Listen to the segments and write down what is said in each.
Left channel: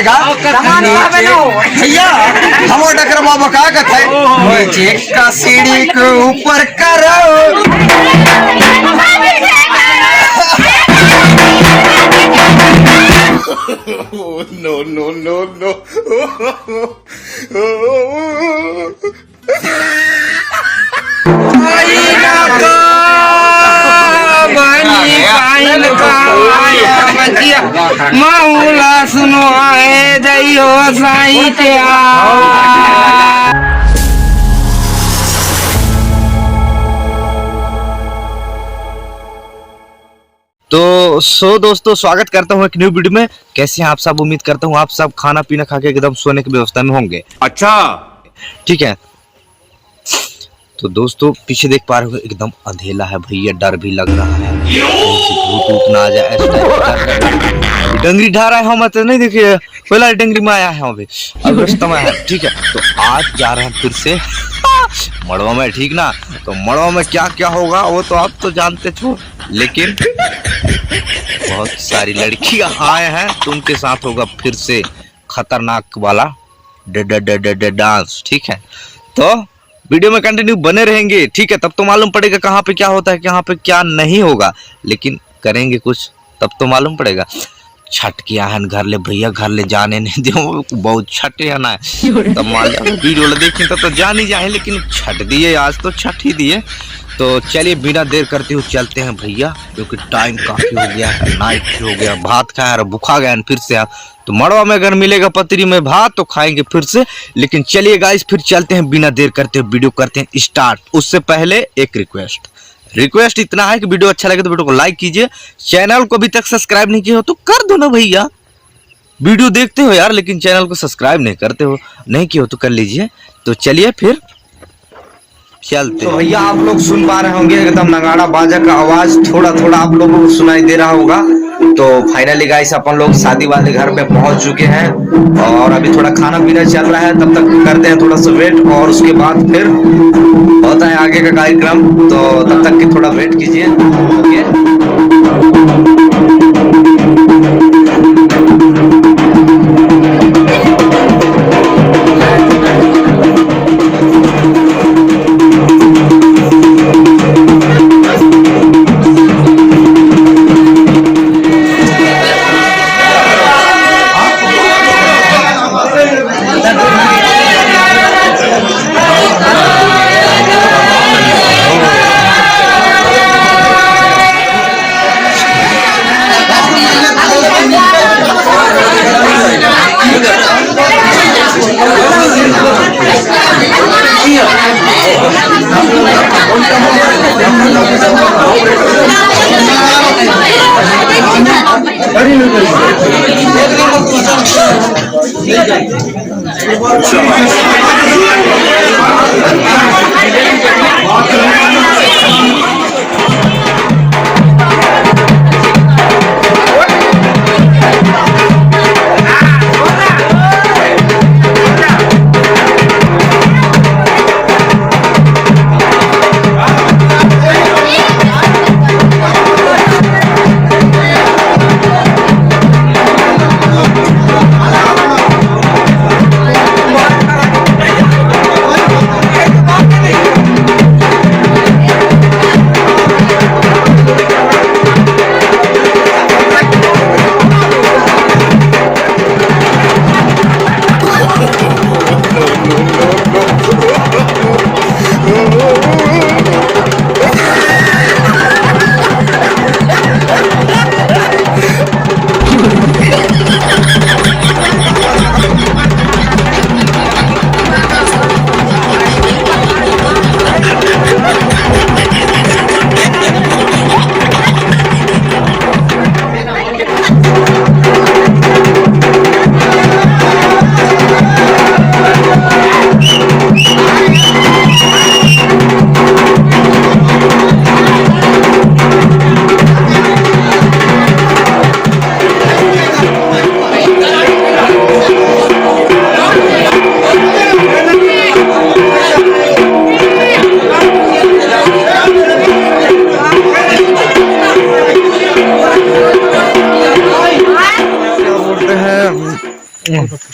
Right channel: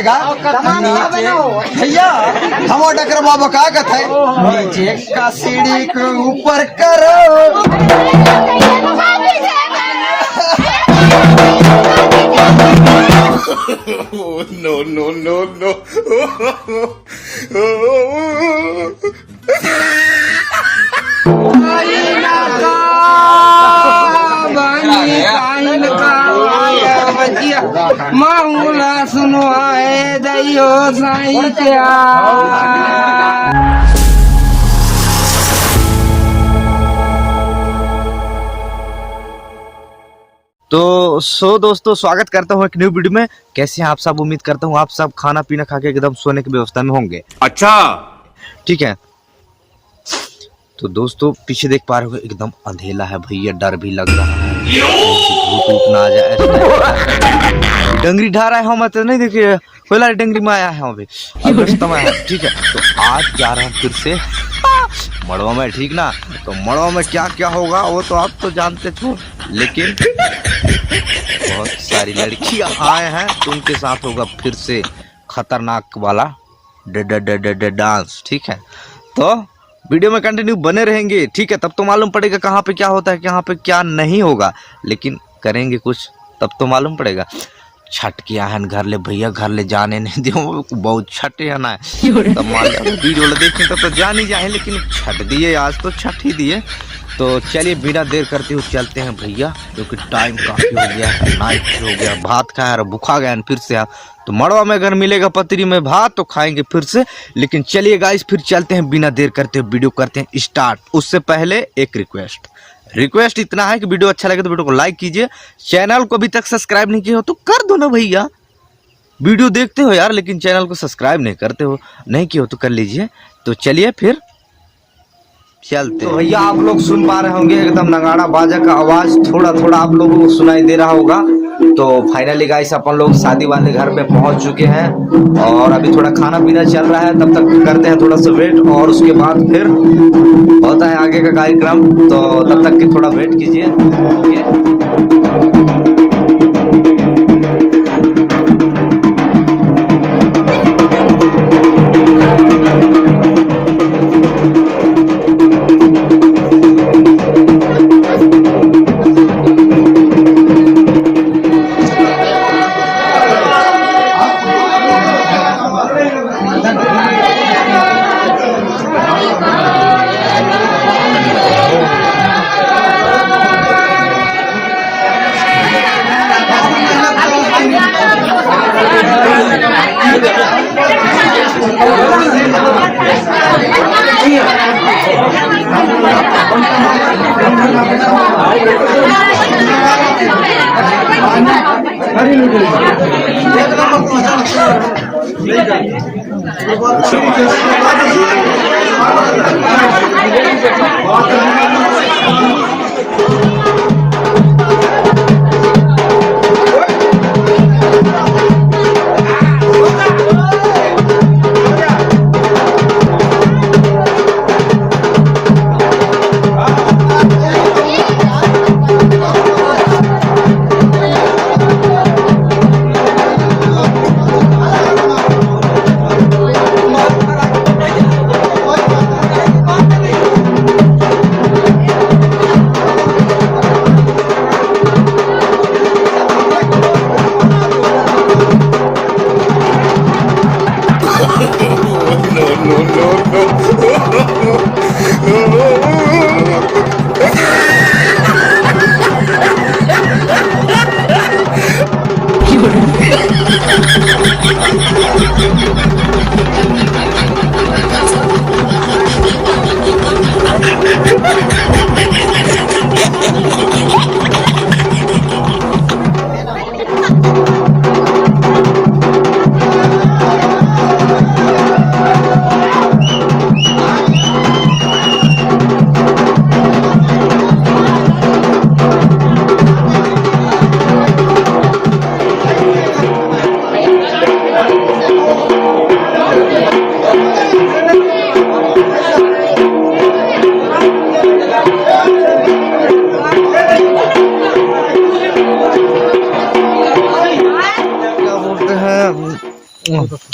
पड़ेगा भैया। हम डकर बाबा का कहते नीचे का सीढ़ी के ऊपर करो। No, no, no, no. माऊला सुनो आए जइयो साईं के तो दोस्तों स्वागत करता हूँ एक न्यू वीडियो में। कैसे हैं आप सब? उम्मीद करता हूँ आप सब खाना पीना खा के एकदम सोने की व्यवस्था में होंगे। अच्छा ठीक है। तो दोस्तों पीछे देख पा रहे हो एकदम अंधेला है भैया, डर भी लग रहा है धूप ना आ जाए। डंगरी ढा रहा है हम तो नहीं देखिए, पहला डंगरी में आया है अभी। ठीक है, तो आज जा रहे हैं फिर से मड़वा में। ठीक ना, तो मड़वा में क्या क्या होगा वो तो आप तो जानते थे, लेकिन बहुत सारी लड़कियां आए हैं तो उनके साथ होगा फिर से खतरनाक वाला डांस। ठीक है, तो वीडियो में कंटिन्यू बने रहेंगे। ठीक है, तब तो मालूम पड़ेगा कहाँ पे क्या होता है, कहाँ पे क्या नहीं होगा, लेकिन करेंगे कुछ तब तो मालूम पड़ेगा। छठ किया है घर ले भैया, घर ले जाने नहीं दो, बहुत छठ है ना। वीडियो देखी तो जान ही जाए, लेकिन छठ दिए आज तो छठ ही दिए। तो चलिए बिना देर करते हुए चलते हैं भैया, क्योंकि टाइम काफी हो गया, नाइट हो गया, भात खाया और भूखा गया फिर से। तो मड़वा में अगर मिलेगा पतरी में भात तो खाएंगे फिर से। लेकिन चलिए गाइस फिर चलते हैं, बिना देर करते हुए वीडियो करते हैं स्टार्ट। उससे पहले एक रिक्वेस्ट इतना है कि वीडियो अच्छा लगे तो वीडियो को लाइक कीजिए। चैनल को अभी तक सब्सक्राइब नहीं किया हो तो कर दो ना भैया। वीडियो देखते हो यार लेकिन चैनल को सब्सक्राइब नहीं करते हो, नहीं किया हो तो कर लीजिए। तो चलिए फिर चलते। तो भैया आप लोग सुन पा रहे होंगे एकदम नगाड़ा बाजा का आवाज थोड़ा थोड़ा आप लोगों को सुनाई दे रहा होगा। तो फाइनली गाइस अपन लोग शादी वाले घर पे पहुंच चुके हैं और अभी थोड़ा खाना पीना चल रहा है, तब तक करते हैं थोड़ा सा वेट और उसके बाद फिर होता है आगे का कार्यक्रम। तो तब तक के थोड़ा वेट कीजिए। No,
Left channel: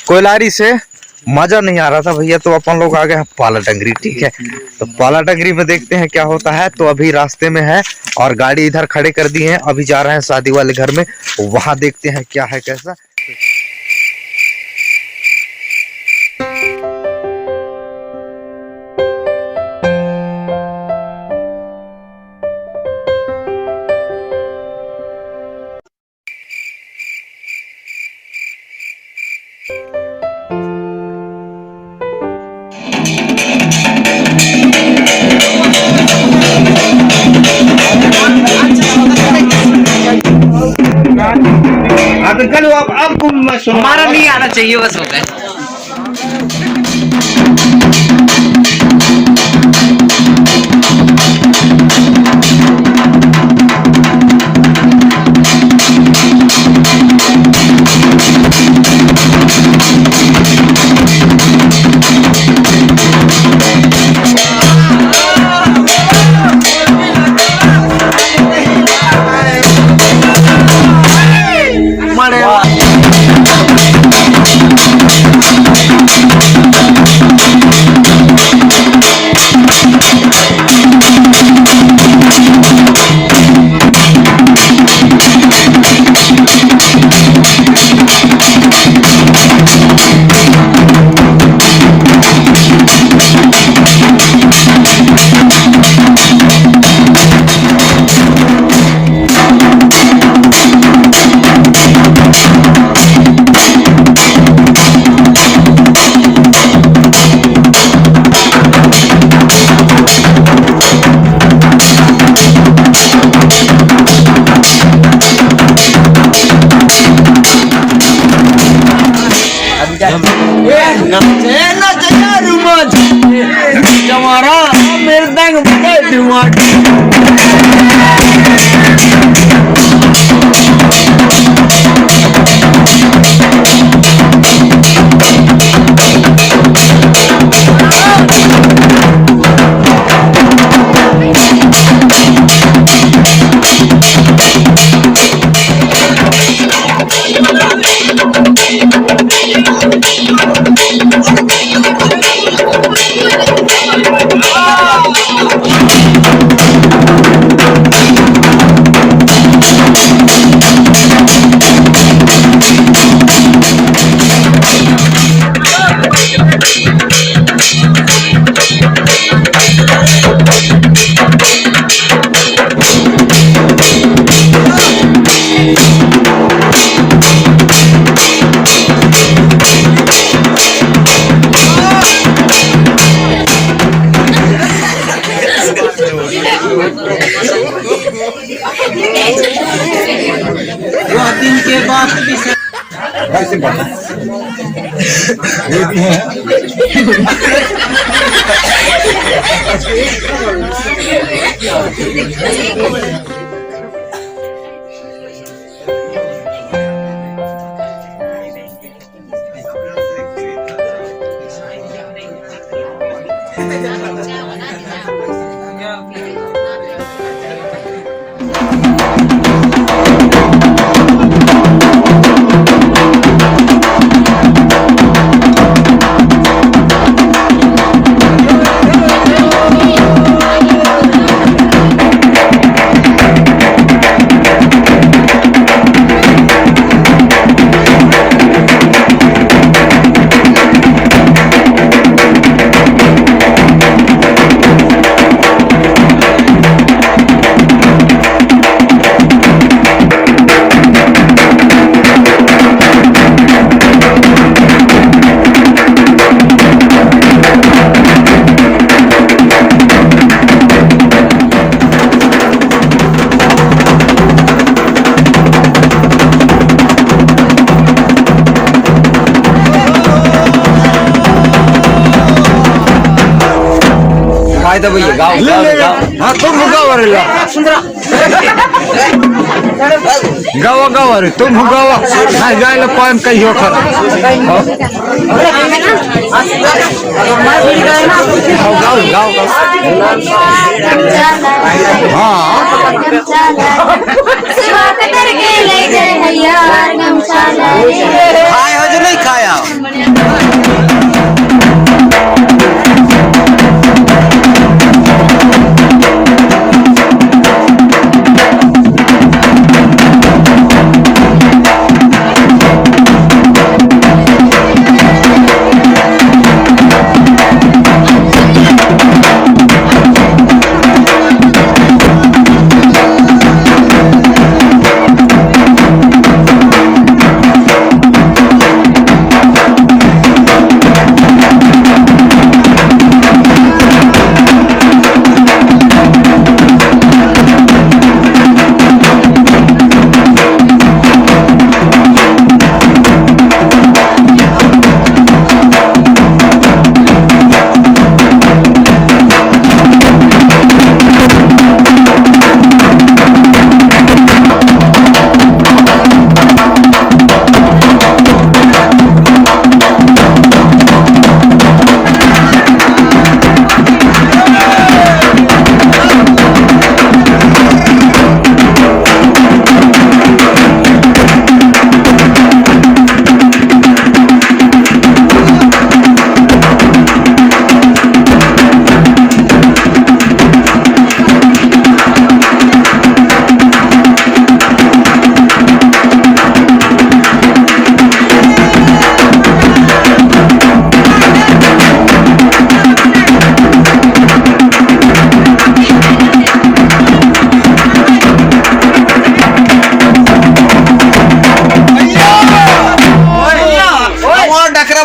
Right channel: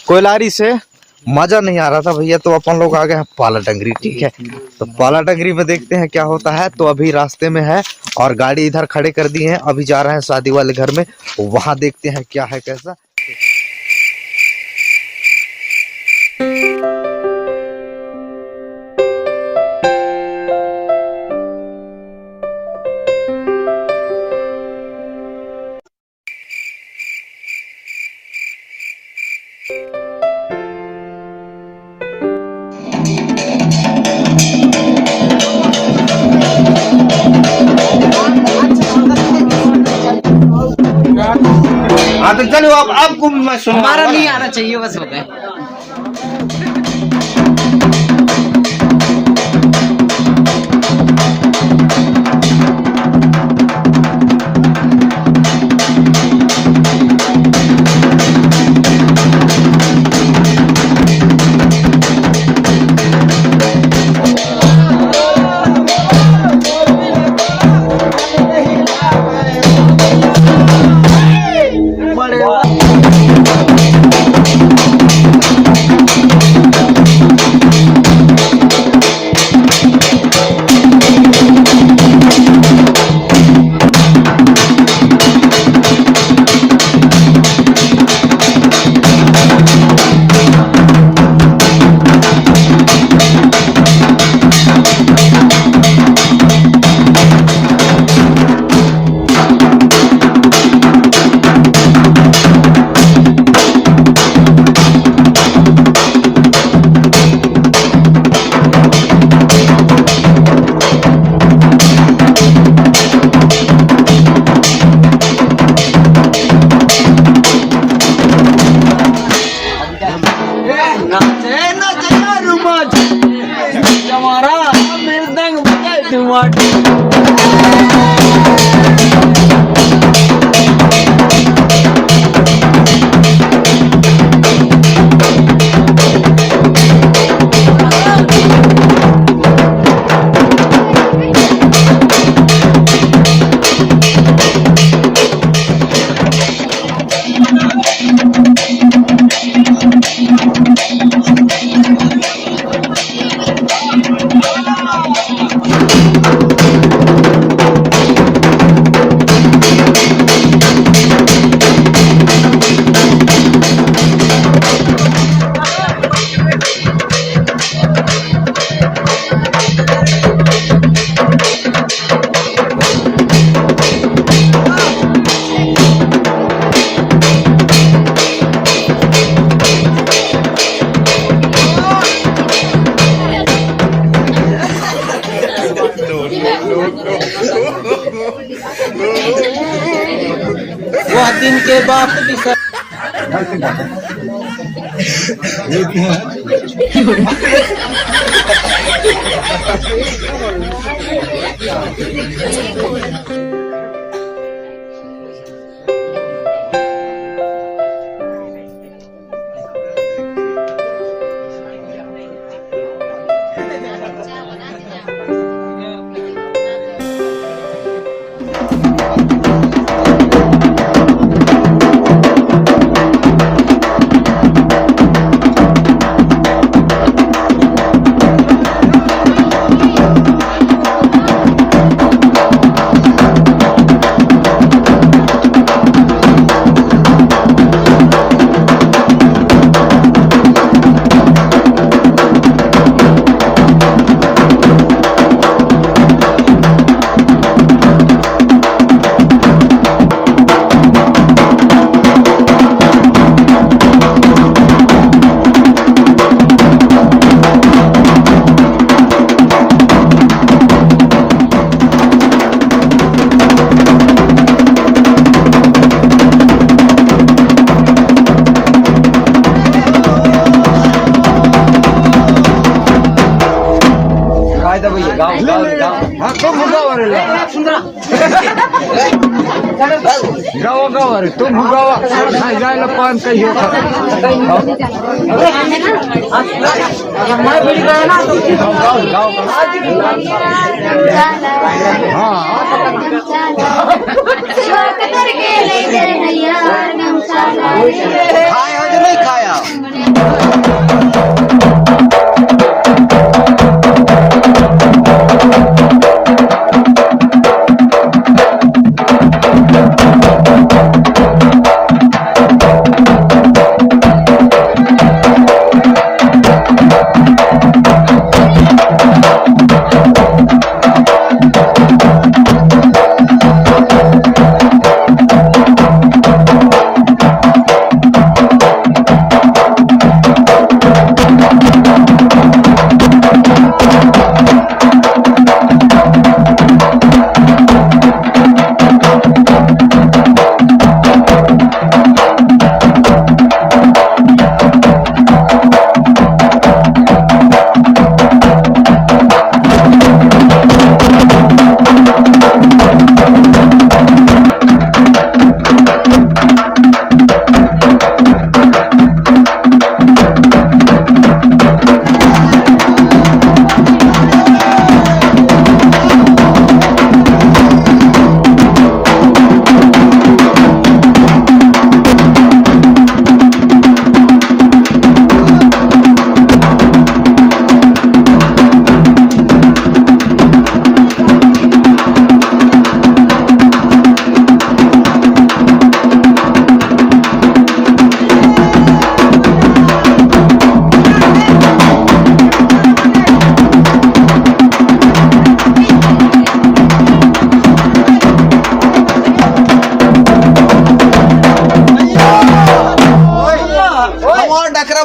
कोयलारी से मजा नहीं आ रहा था भैया, तो अपन लोग आ गए हैं पाला टंगरी। ठीक है, तो पाला टंगरी में देखते हैं क्या होता है। तो अभी रास्ते में है और गाड़ी इधर खड़े कर दी है, अभी जा रहे हैं शादी वाले घर में, वहां देखते हैं क्या है कैसा। हाँ तो चलो अब आपको हमारा नहीं आना चाहिए बस हो गए। बहुत दिन के बाद भी सर भैया गाँव हाँ तुम गाँव गाँव गाँव तुम गाँव जाए पान कहियो खाए हो जो नहीं खाया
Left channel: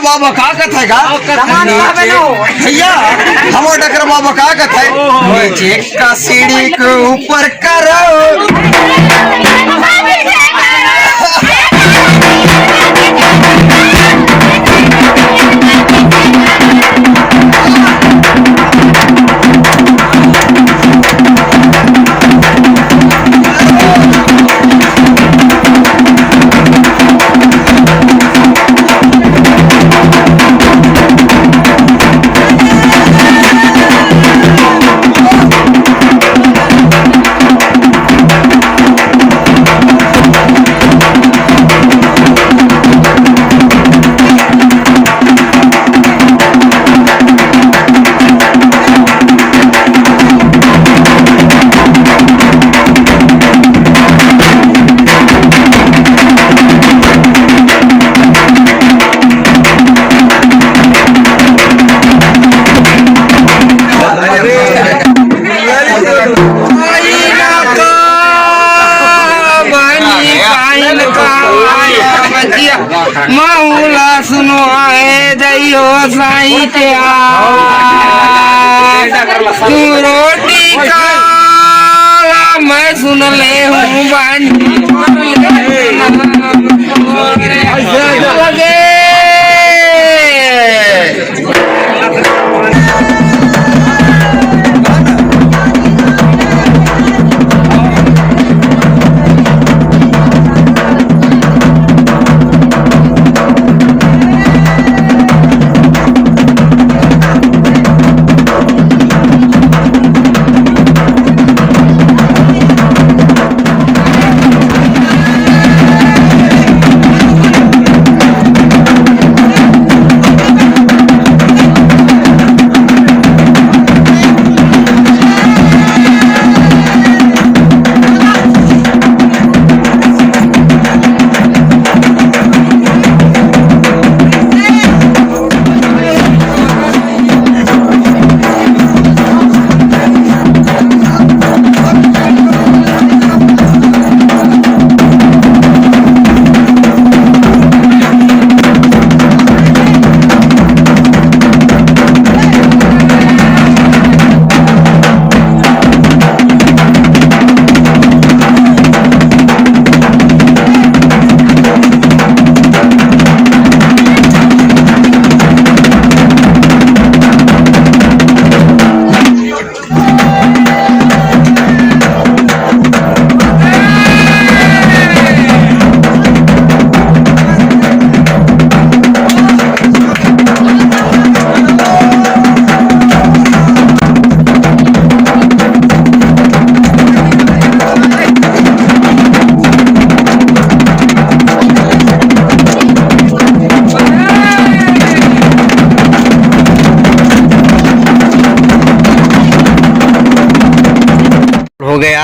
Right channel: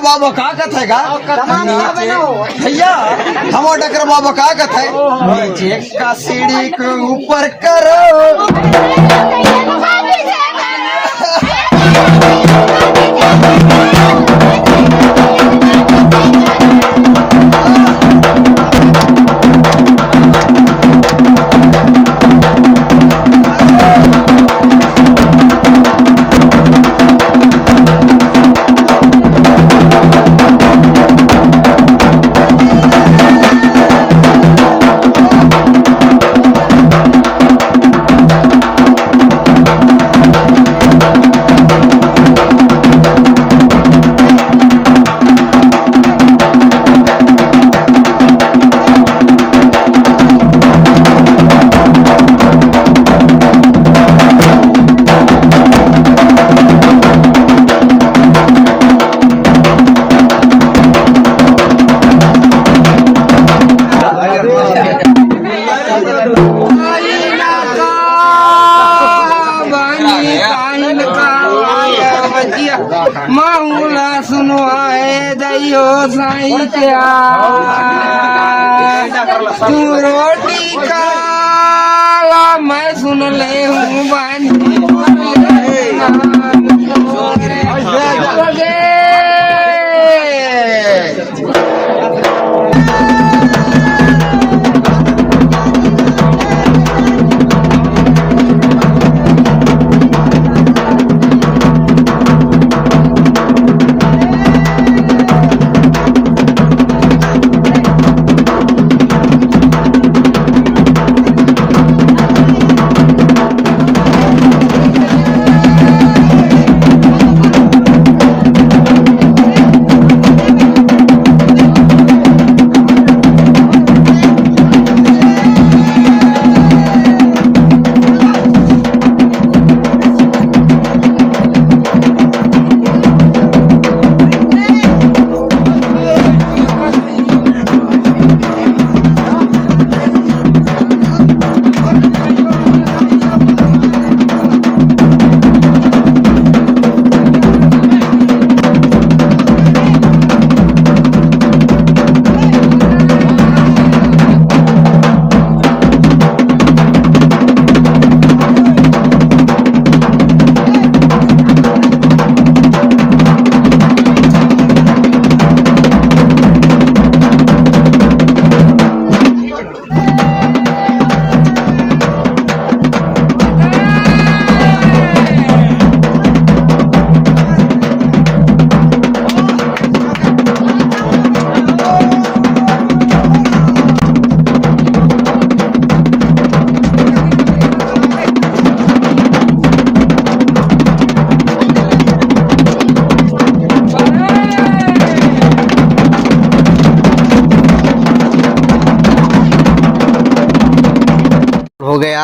बाबा का कथे का भैया हम डकर बाबा का कथे नीचे का सीढ़ी के ऊपर करो माऊला सुनो आए जइयो साईं त्या तू रोटी खा मैं सुन ले हूँ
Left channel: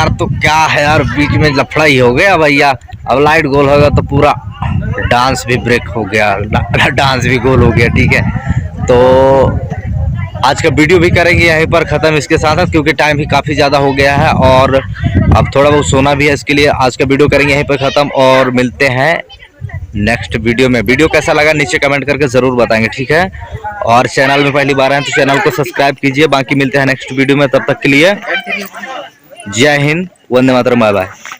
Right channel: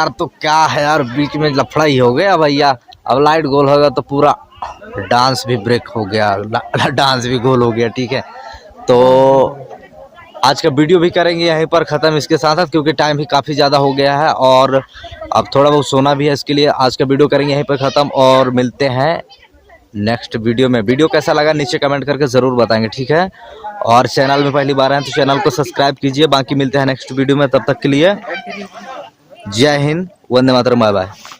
यार तो क्या है यार, बीच में लफड़ा ही हो गया भैया। अब लाइट गोल होगा तो पूरा डांस भी ब्रेक हो गया, डांस भी गोल हो गया। ठीक है, तो आज का वीडियो भी करेंगे यहीं पर ख़त्म इसके साथ साथ, क्योंकि टाइम भी काफ़ी ज़्यादा हो गया है और अब थोड़ा बहुत सोना भी है। इसके लिए आज का वीडियो करेंगे यहीं पर ख़त्म और मिलते हैं नेक्स्ट वीडियो में। वीडियो कैसा लगा नीचे कमेंट करके ज़रूर बताएंगे। ठीक है, और चैनल में पहली बार आए तो चैनल को सब्सक्राइब कीजिए। बाकी मिलते हैं नेक्स्ट वीडियो में, तब तक के लिए जय हिंद, वंदे मातरम, बाय बाय।